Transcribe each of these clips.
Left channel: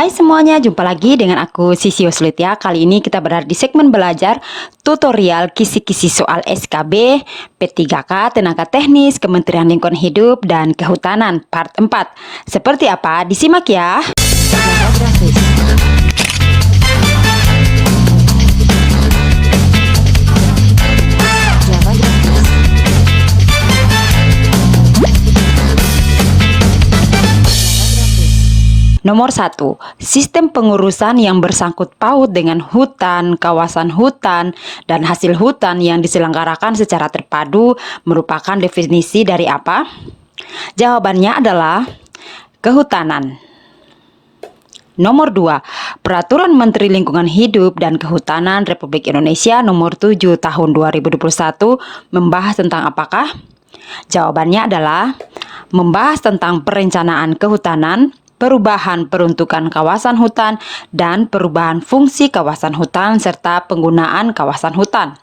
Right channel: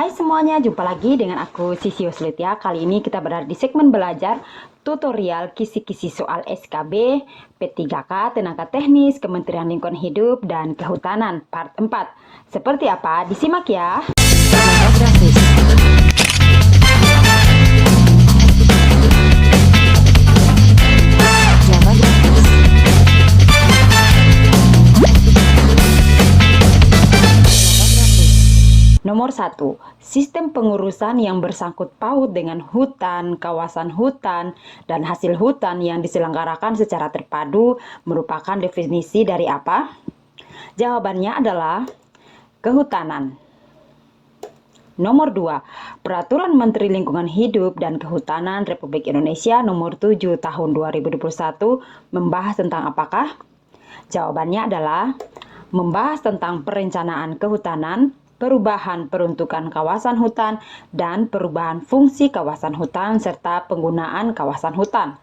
Hai semuanya, jumpa lagi dengan aku Sisi Yoslitia. Kali ini kita berada di segmen belajar tutorial kisi-kisi soal SKB, P3K, Tenaga Teknis, Kementerian Lingkungan Hidup, dan Kehutanan, part 4. Seperti apa? Disimak ya. Java Grafis. Java Grafis. Nomor 1, sistem pengurusan yang bersangkut paut dengan hutan, kawasan hutan, dan hasil hutan yang diselenggarakan secara terpadu merupakan definisi dari apa? Jawabannya adalah kehutanan. Nomor 2, Peraturan Menteri Lingkungan Hidup dan Kehutanan Republik Indonesia Nomor 7 Tahun 2021 membahas tentang apakah? Jawabannya adalah membahas tentang perencanaan kehutanan, perubahan peruntukan kawasan hutan, dan perubahan fungsi kawasan hutan serta penggunaan kawasan hutan.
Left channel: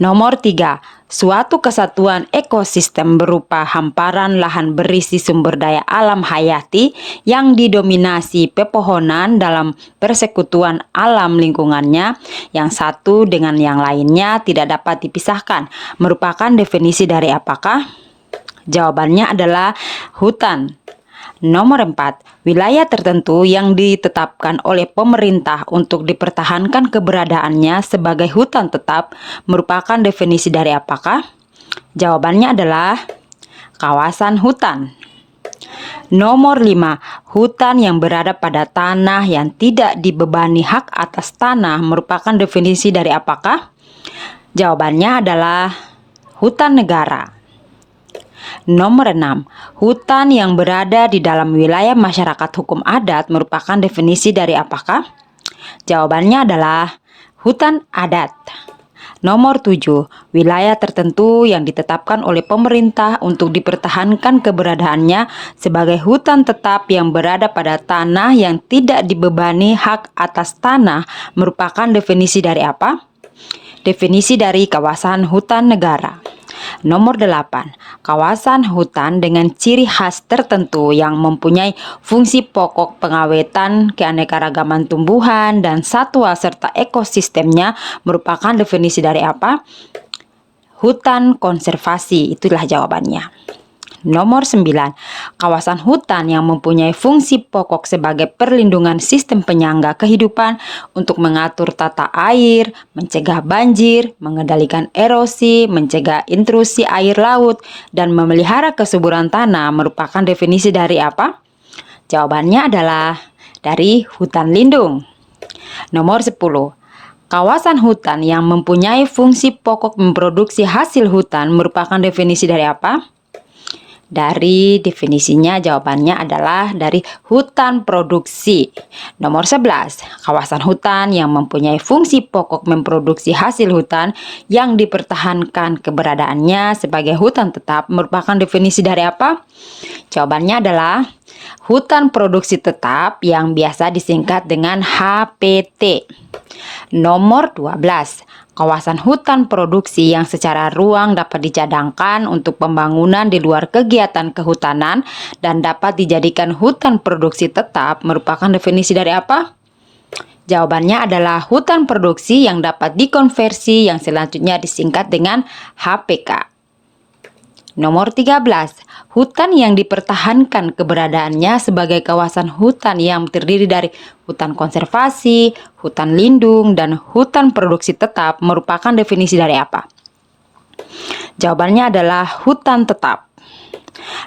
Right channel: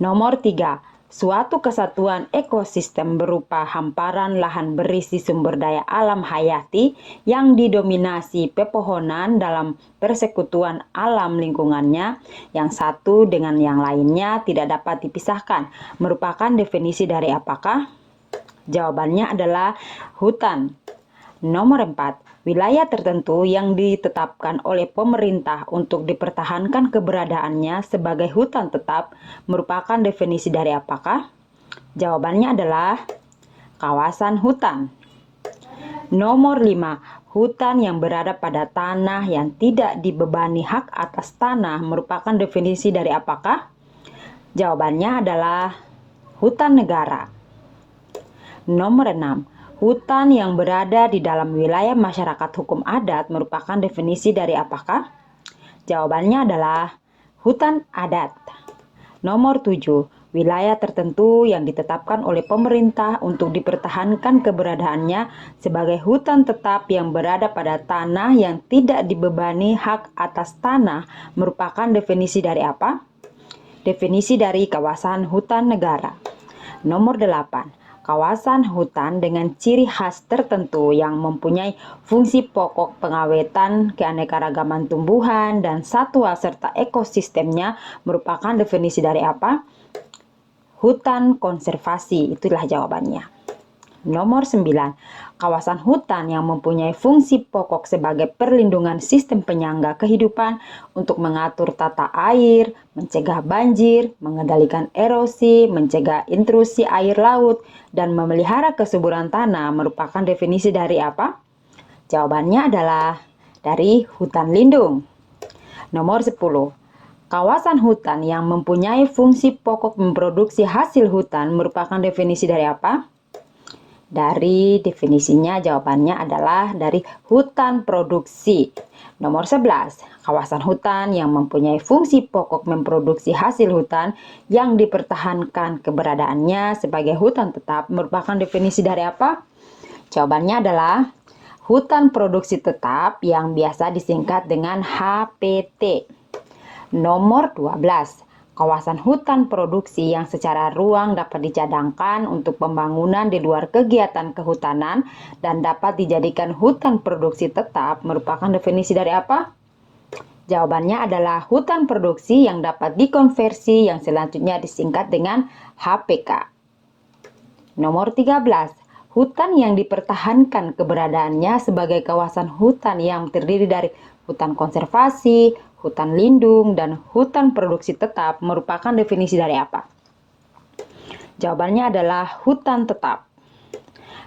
Nomor 3, suatu kesatuan ekosistem berupa hamparan lahan berisi sumber daya alam hayati yang didominasi pepohonan dalam persekutuan alam lingkungannya yang satu dengan yang lainnya tidak dapat dipisahkan merupakan definisi dari apakah? Jawabannya adalah hutan. Nomor 4, wilayah tertentu yang ditetapkan oleh pemerintah untuk dipertahankan keberadaannya sebagai hutan tetap merupakan definisi dari apakah? Jawabannya adalah kawasan hutan. Nomor 5, hutan yang berada pada tanah yang tidak dibebani hak atas tanah merupakan definisi dari apakah? Jawabannya adalah hutan negara. Nomor 6, hutan yang berada di dalam wilayah masyarakat hukum adat merupakan definisi dari apakah? Jawabannya adalah hutan adat. Nomor 7, wilayah tertentu yang ditetapkan oleh pemerintah untuk dipertahankan keberadaannya sebagai hutan tetap yang berada pada tanah yang tidak dibebani hak atas tanah merupakan definisi dari apa? Definisi dari kawasan hutan negara. Nomor 8, kawasan hutan dengan ciri khas tertentu yang mempunyai fungsi pokok pengawetan keanekaragaman tumbuhan dan satwa serta ekosistemnya merupakan definisi dari apa? Hutan konservasi, itulah jawabannya. Nomor 9, kawasan hutan yang mempunyai fungsi pokok sebagai perlindungan sistem penyangga kehidupan untuk mengatur tata air, mencegah banjir, mengendalikan erosi, mencegah intrusi air laut, dan memelihara kesuburan tanah merupakan definisi dari apa? Jawabannya adalah dari hutan lindung. Nomor 10, kawasan hutan yang mempunyai fungsi pokok memproduksi hasil hutan merupakan definisi dari apa? Dari definisinya jawabannya adalah dari hutan produksi. Nomor 11, kawasan hutan yang mempunyai fungsi pokok memproduksi hasil hutan yang dipertahankan keberadaannya sebagai hutan tetap merupakan definisi dari apa? Jawabannya adalah hutan produksi tetap yang biasa disingkat dengan HPT. Nomor 12, kawasan hutan produksi yang secara ruang dapat dicadangkan untuk pembangunan di luar kegiatan kehutanan dan dapat dijadikan hutan produksi tetap merupakan definisi dari apa? Jawabannya adalah hutan produksi yang dapat dikonversi yang selanjutnya disingkat dengan HPK. Nomor 13, hutan yang dipertahankan keberadaannya sebagai kawasan hutan yang terdiri dari hutan konservasi, hutan lindung, dan hutan produksi tetap merupakan definisi dari apa? Jawabannya adalah hutan tetap.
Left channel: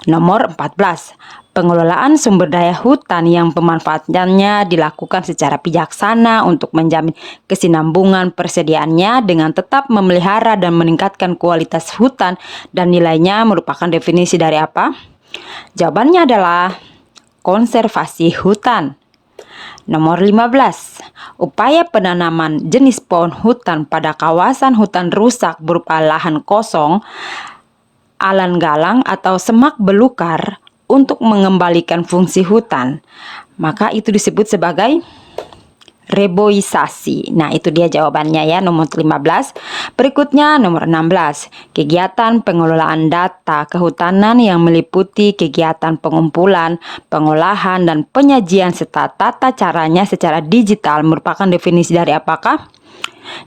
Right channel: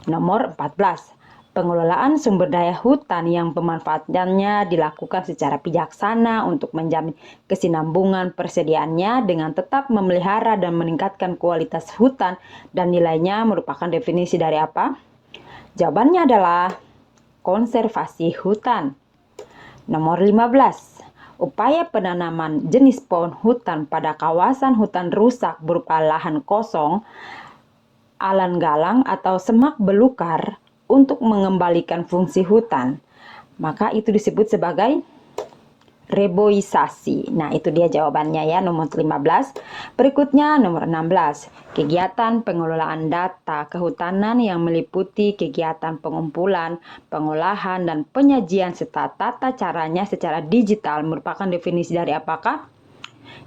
Nomor 14, pengelolaan sumber daya hutan yang pemanfaatannya dilakukan secara bijaksana untuk menjamin kesinambungan persediaannya dengan tetap memelihara dan meningkatkan kualitas hutan dan nilainya merupakan definisi dari apa? Jawabannya adalah konservasi hutan. Nomor 15, upaya penanaman jenis pohon hutan pada kawasan hutan rusak berupa lahan kosong, alan galang atau semak belukar untuk mengembalikan fungsi hutan, maka itu disebut sebagai reboisasi. Nah, itu dia jawabannya ya, nomor 15. Berikutnya nomor 16. Kegiatan pengelolaan data kehutanan yang meliputi kegiatan pengumpulan, pengolahan, dan penyajian serta tata caranya secara digital merupakan definisi dari apakah?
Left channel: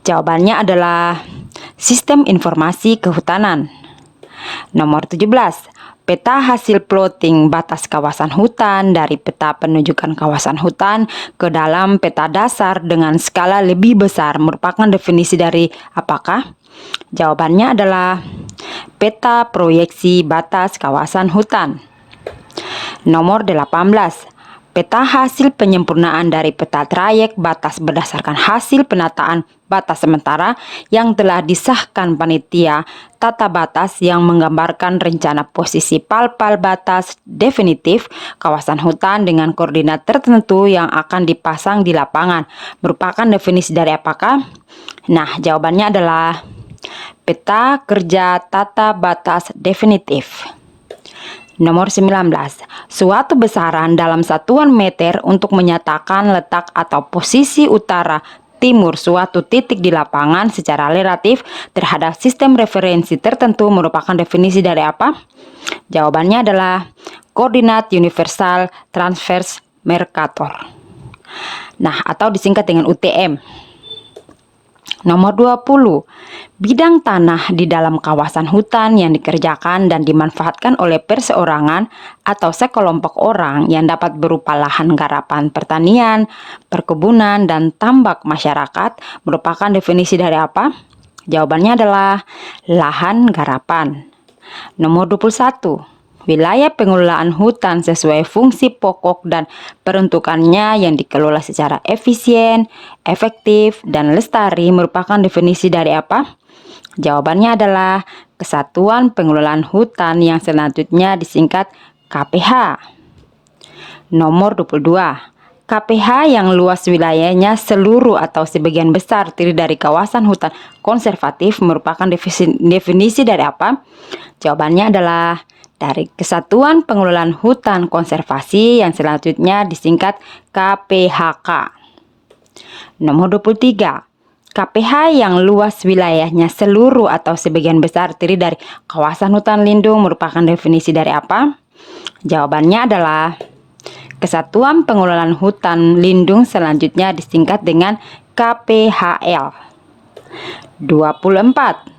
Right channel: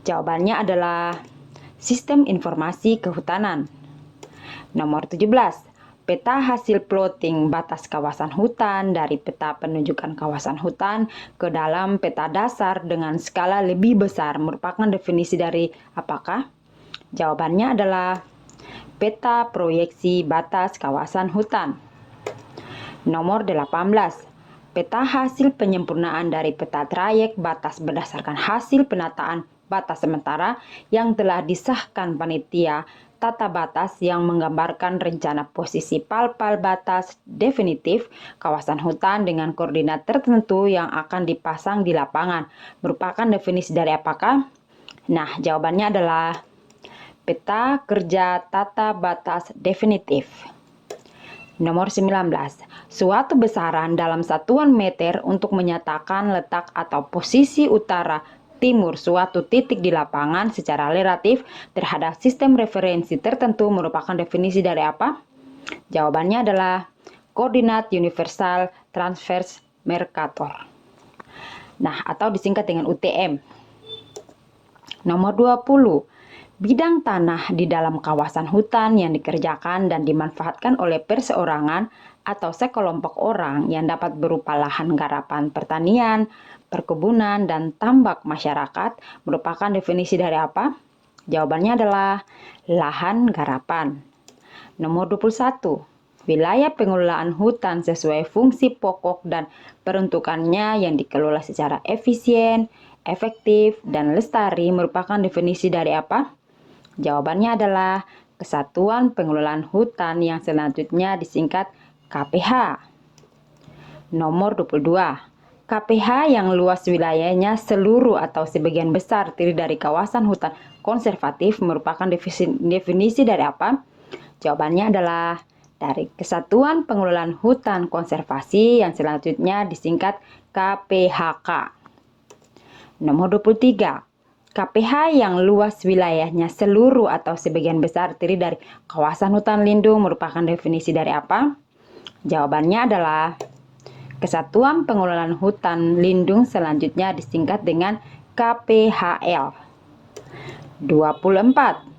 Jawabannya adalah sistem informasi kehutanan. Nomor 17. Peta hasil plotting batas kawasan hutan dari peta penunjukan kawasan hutan ke dalam peta dasar dengan skala lebih besar merupakan definisi dari apakah? Jawabannya adalah peta proyeksi batas kawasan hutan. Nomor 18. Peta hasil penyempurnaan dari peta trayek batas berdasarkan hasil penataan batas sementara yang telah disahkan panitia tata batas yang menggambarkan rencana posisi pal-pal batas definitif kawasan hutan dengan koordinat tertentu yang akan dipasang di lapangan. Merupakan definisi dari apakah? Nah, jawabannya adalah peta kerja tata batas definitif. Nomor 19. Suatu besaran dalam satuan meter untuk menyatakan letak atau posisi utara timur suatu titik di lapangan secara relatif terhadap sistem referensi tertentu merupakan definisi dari apa? Jawabannya adalah koordinat universal transverse Mercator. Nah, atau disingkat dengan UTM. Nomor 20. Bidang tanah di dalam kawasan hutan yang dikerjakan dan dimanfaatkan oleh perseorangan atau sekelompok orang yang dapat berupa lahan garapan pertanian, perkebunan, dan tambak masyarakat merupakan definisi dari apa? Jawabannya adalah lahan garapan. Nomor 21. Wilayah pengelolaan hutan sesuai fungsi pokok dan peruntukannya yang dikelola secara efisien, efektif, dan lestari merupakan definisi dari apa? Jawabannya adalah Kesatuan Pengelolaan Hutan yang selanjutnya disingkat KPH. Nomor 22. KPH yang luas wilayahnya seluruh atau sebagian besar terdiri dari kawasan hutan konservatif merupakan definisi dari apa? Jawabannya adalah dari Kesatuan Pengelolaan Hutan Konservasi yang selanjutnya disingkat KPHK. Nomor 23. KPH yang luas wilayahnya seluruh atau sebagian besar terdiri dari kawasan hutan lindung merupakan definisi dari apa? Jawabannya adalah Kesatuan Pengelolaan Hutan Lindung selanjutnya disingkat dengan KPHL. 24.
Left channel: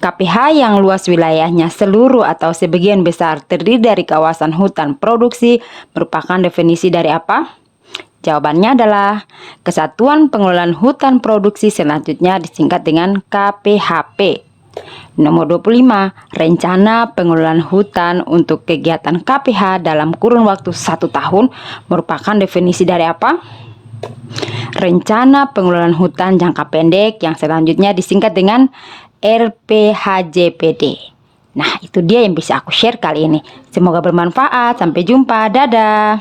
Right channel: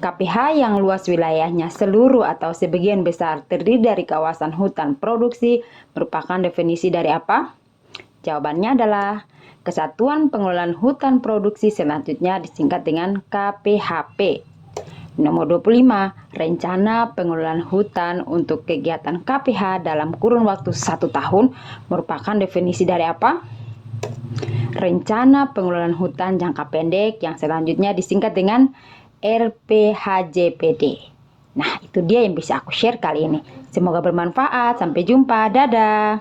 KPH yang luas wilayahnya seluruh atau sebagian besar terdiri dari kawasan hutan produksi merupakan definisi dari apa? Jawabannya adalah Kesatuan Pengelolaan Hutan Produksi selanjutnya disingkat dengan KPHP. Nomor 25. Rencana pengelolaan hutan untuk kegiatan KPH dalam kurun waktu 1 tahun merupakan definisi dari apa? Rencana pengelolaan hutan jangka pendek yang selanjutnya disingkat dengan RPHJPD. Nah, itu dia yang bisa aku share kali ini. Semoga bermanfaat. Sampai jumpa. Dadah.